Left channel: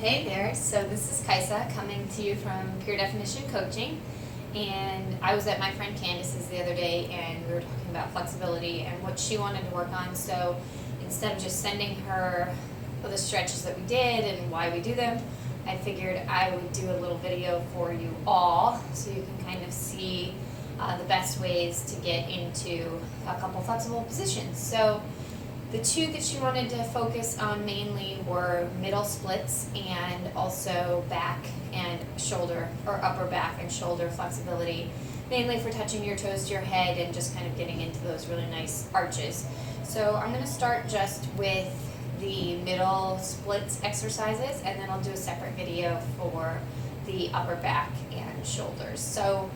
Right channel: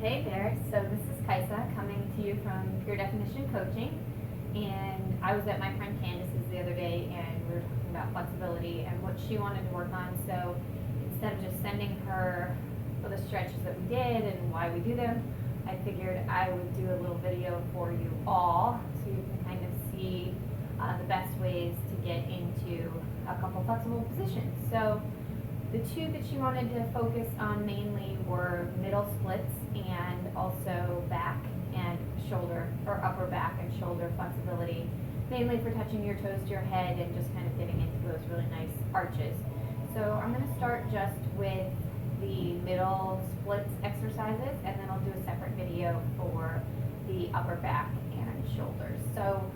Hey there, so this is Kaisa coming to you from Pure Definition Coaching, and I was at my friend Candace's the other day and we were talking about flexibility and what she wanted to work on. So instead of just sending her the stretches that we did and why we do them, I figured I would do a little video for you all so you can kind of see the best ways to get into a couple flexible positions. So the two that she wanted to focus on mainly were middle splits and also back and shoulder, or upper back and shoulder flexibility, mainly for touching your toes to your head and just kind of getting into those really nice arches. So I'm going to start just with the middle splits exercises, and then I'll do a separate video for the upper back and shoulders. So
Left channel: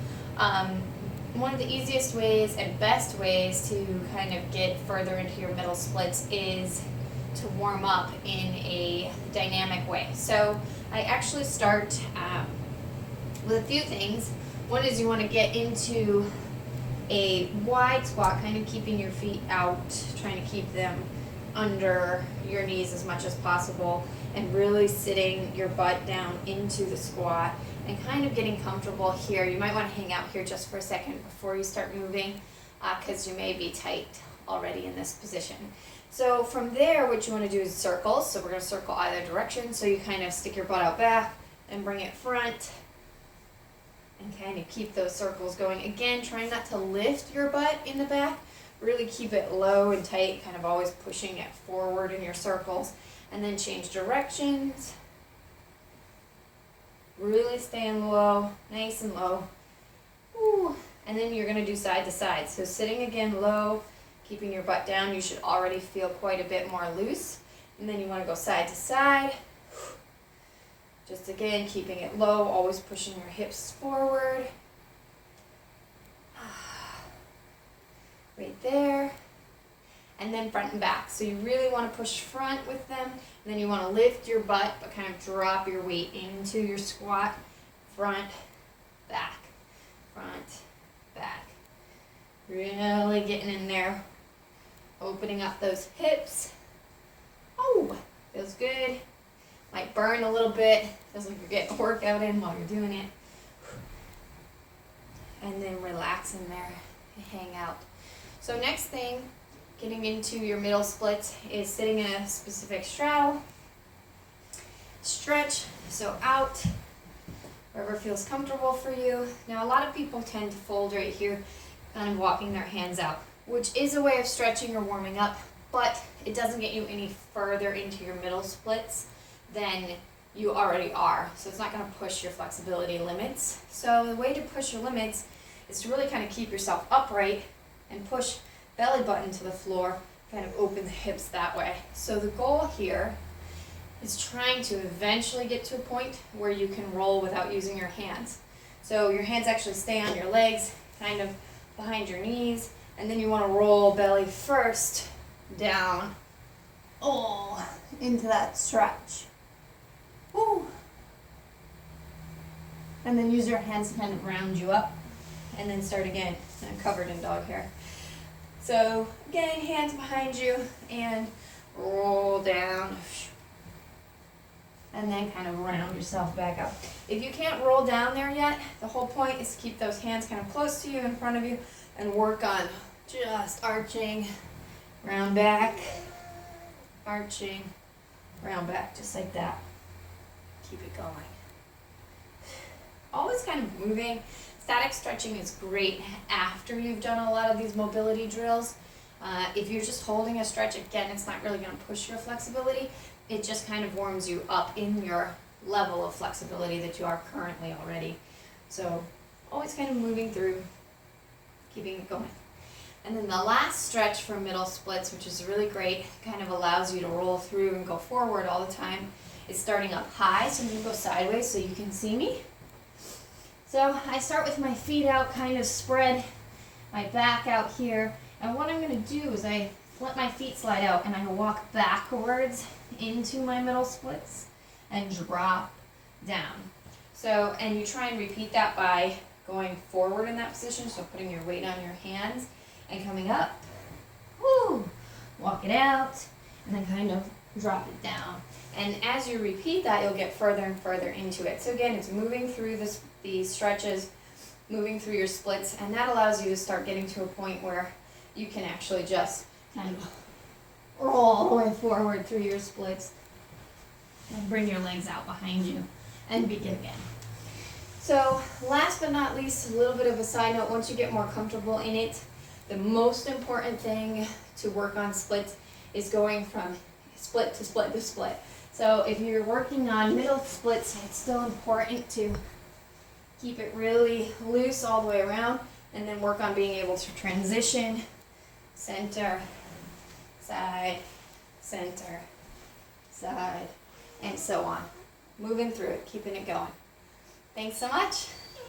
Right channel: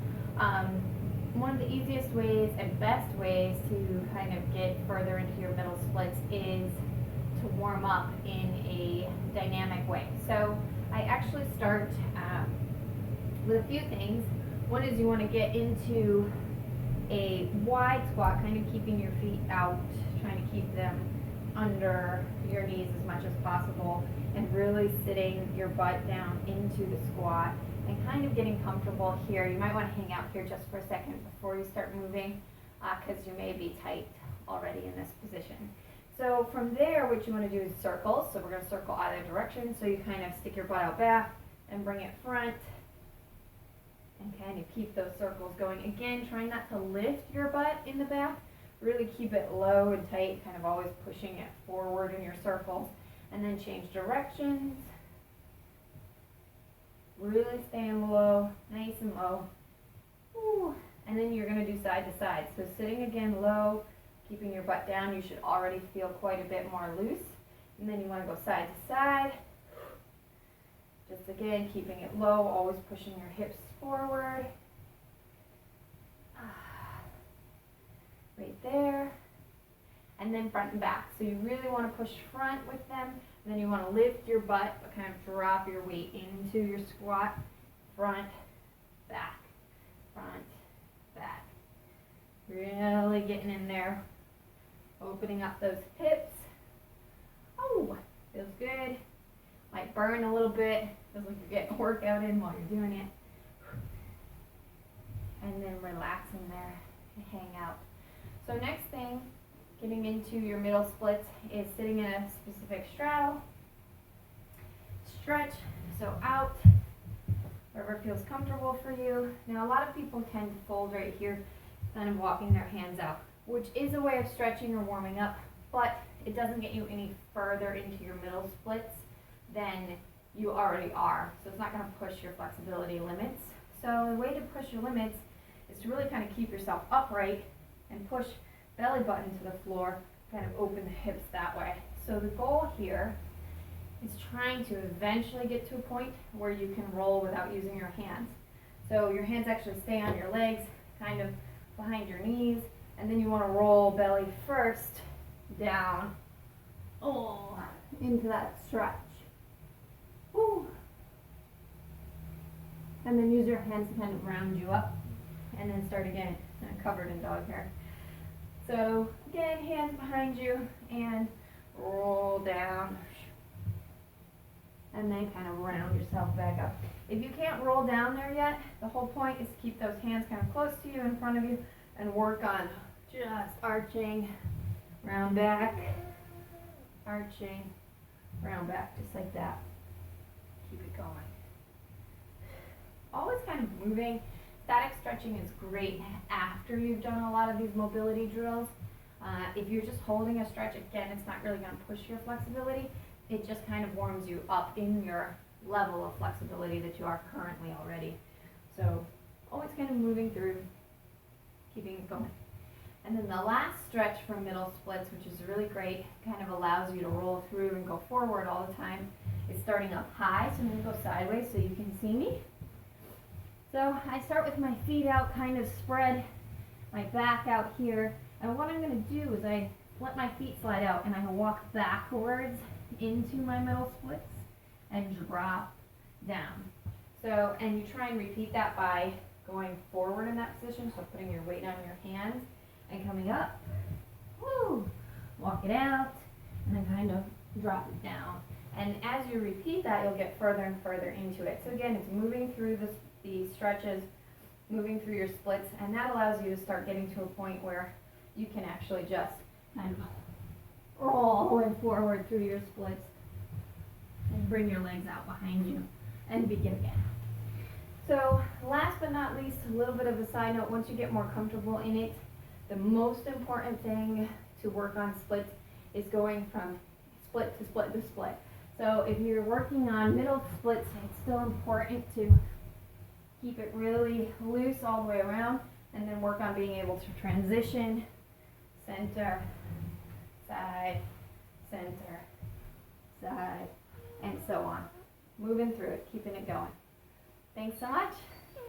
one of the easiest ways and best ways to kind of get further into your middle splits is to warm up in a dynamic way. So I actually start with a few things. One is you want to get into a wide squat, kind of keeping your feet out, trying to keep them under your knees as much as possible, and really sitting your butt down into the squat and kind of getting comfortable here. You might want to hang out here just for a second before you start moving, because you may be tight already in this position. So from there, what you want to do is circles. So we're going to circle either direction. So you kind of stick your butt out back and bring it front and kind of keep those circles going. Again, trying not to lift your butt in the back. Really keep it low and tight, kind of always pushing it forward in your circles. And then change directions. Really staying low, nice and low. Ooh. And then you're going to do side to side. So sitting again low, keeping your butt down. You should already feel quite a bit more loose. And then you want to go side to side. Just again, keeping it low, always pushing your hips forward. Right there. And then front and back. So you really want to push front with them. And then you want to lift your butt, but kind of drop your weight into your squat. Front, back, back. Really getting in there. Opening up those hips. Oh, feels good. Might burn a little bit. Feels like you're getting a workout in while you're doing it. And then relax in there and hang out. So next thing, getting into your middle splits, is sitting in a specific straddle. Stretch, so out, wherever feels comfortable for you. Now a lot of people tend to fold right here, kind of walking their hands out, which is a way of stretching or warming up, but it doesn't get you any further into your middle splits than you already are. So it's not going to push your flexibility limits. So the way to push your limits is to really kind of keep yourself upright and push belly button to the floor, kind of open the hips that way. So the goal here is trying to eventually get to a point where you can roll without using your hands. So your hands actually stay on your legs, kind of behind your knees, and then you want to roll belly first down, into that stretch. Ooh. And then use your hands to kind of round you up, and then start again. I'm covered in dog hair. So again, hands behind you and roll down. And then kind of round yourself back up. If you can't roll down there yet, the whole point is to keep those hands kind of close to you, in front of you, and work on just arching, round back, arching, round back, just like that. Keep it going. Always kind of moving. Static stretching is great after you've done a lot of these mobility drills. If you're just holding a stretch, again, it's not really going to push your flexibility. It just kind of warms you up in your level of flexibility that you are currently already. So always kind of moving through, keeping it going. And then the last stretch for middle splits, which is really great, kind of allows you to roll through and go forward all the time, is starting up high. So I'm going to go sideways so you can see me. So I start with my feet out, kind of spread, my back out here. And what I'm going to do is I let my feet slide out and I walk backwards into my middle splits and drop down. So, and you try and repeat that by going forward in that position, so putting your weight on your hands and coming up. Woo! Walk it out and then kind of drop it down. And as you repeat that, you'll get further and further into it. So again, it's moving through these stretches, moving through your splits, and that allows you to start getting to a point where you can actually just kind of roll all the way forward through your splits and bring your legs out behind you and begin again. So last but not least, a little bit of a side note, once you get more comfortable in it, the most important thing to work on splits is going from split to split to split. So if you're working on middle splits, it's still important to keep it really loose all the way around, and then work on being able to transition, center, side, center, side, and so on. Moving through it, keeping it going. Thanks so much.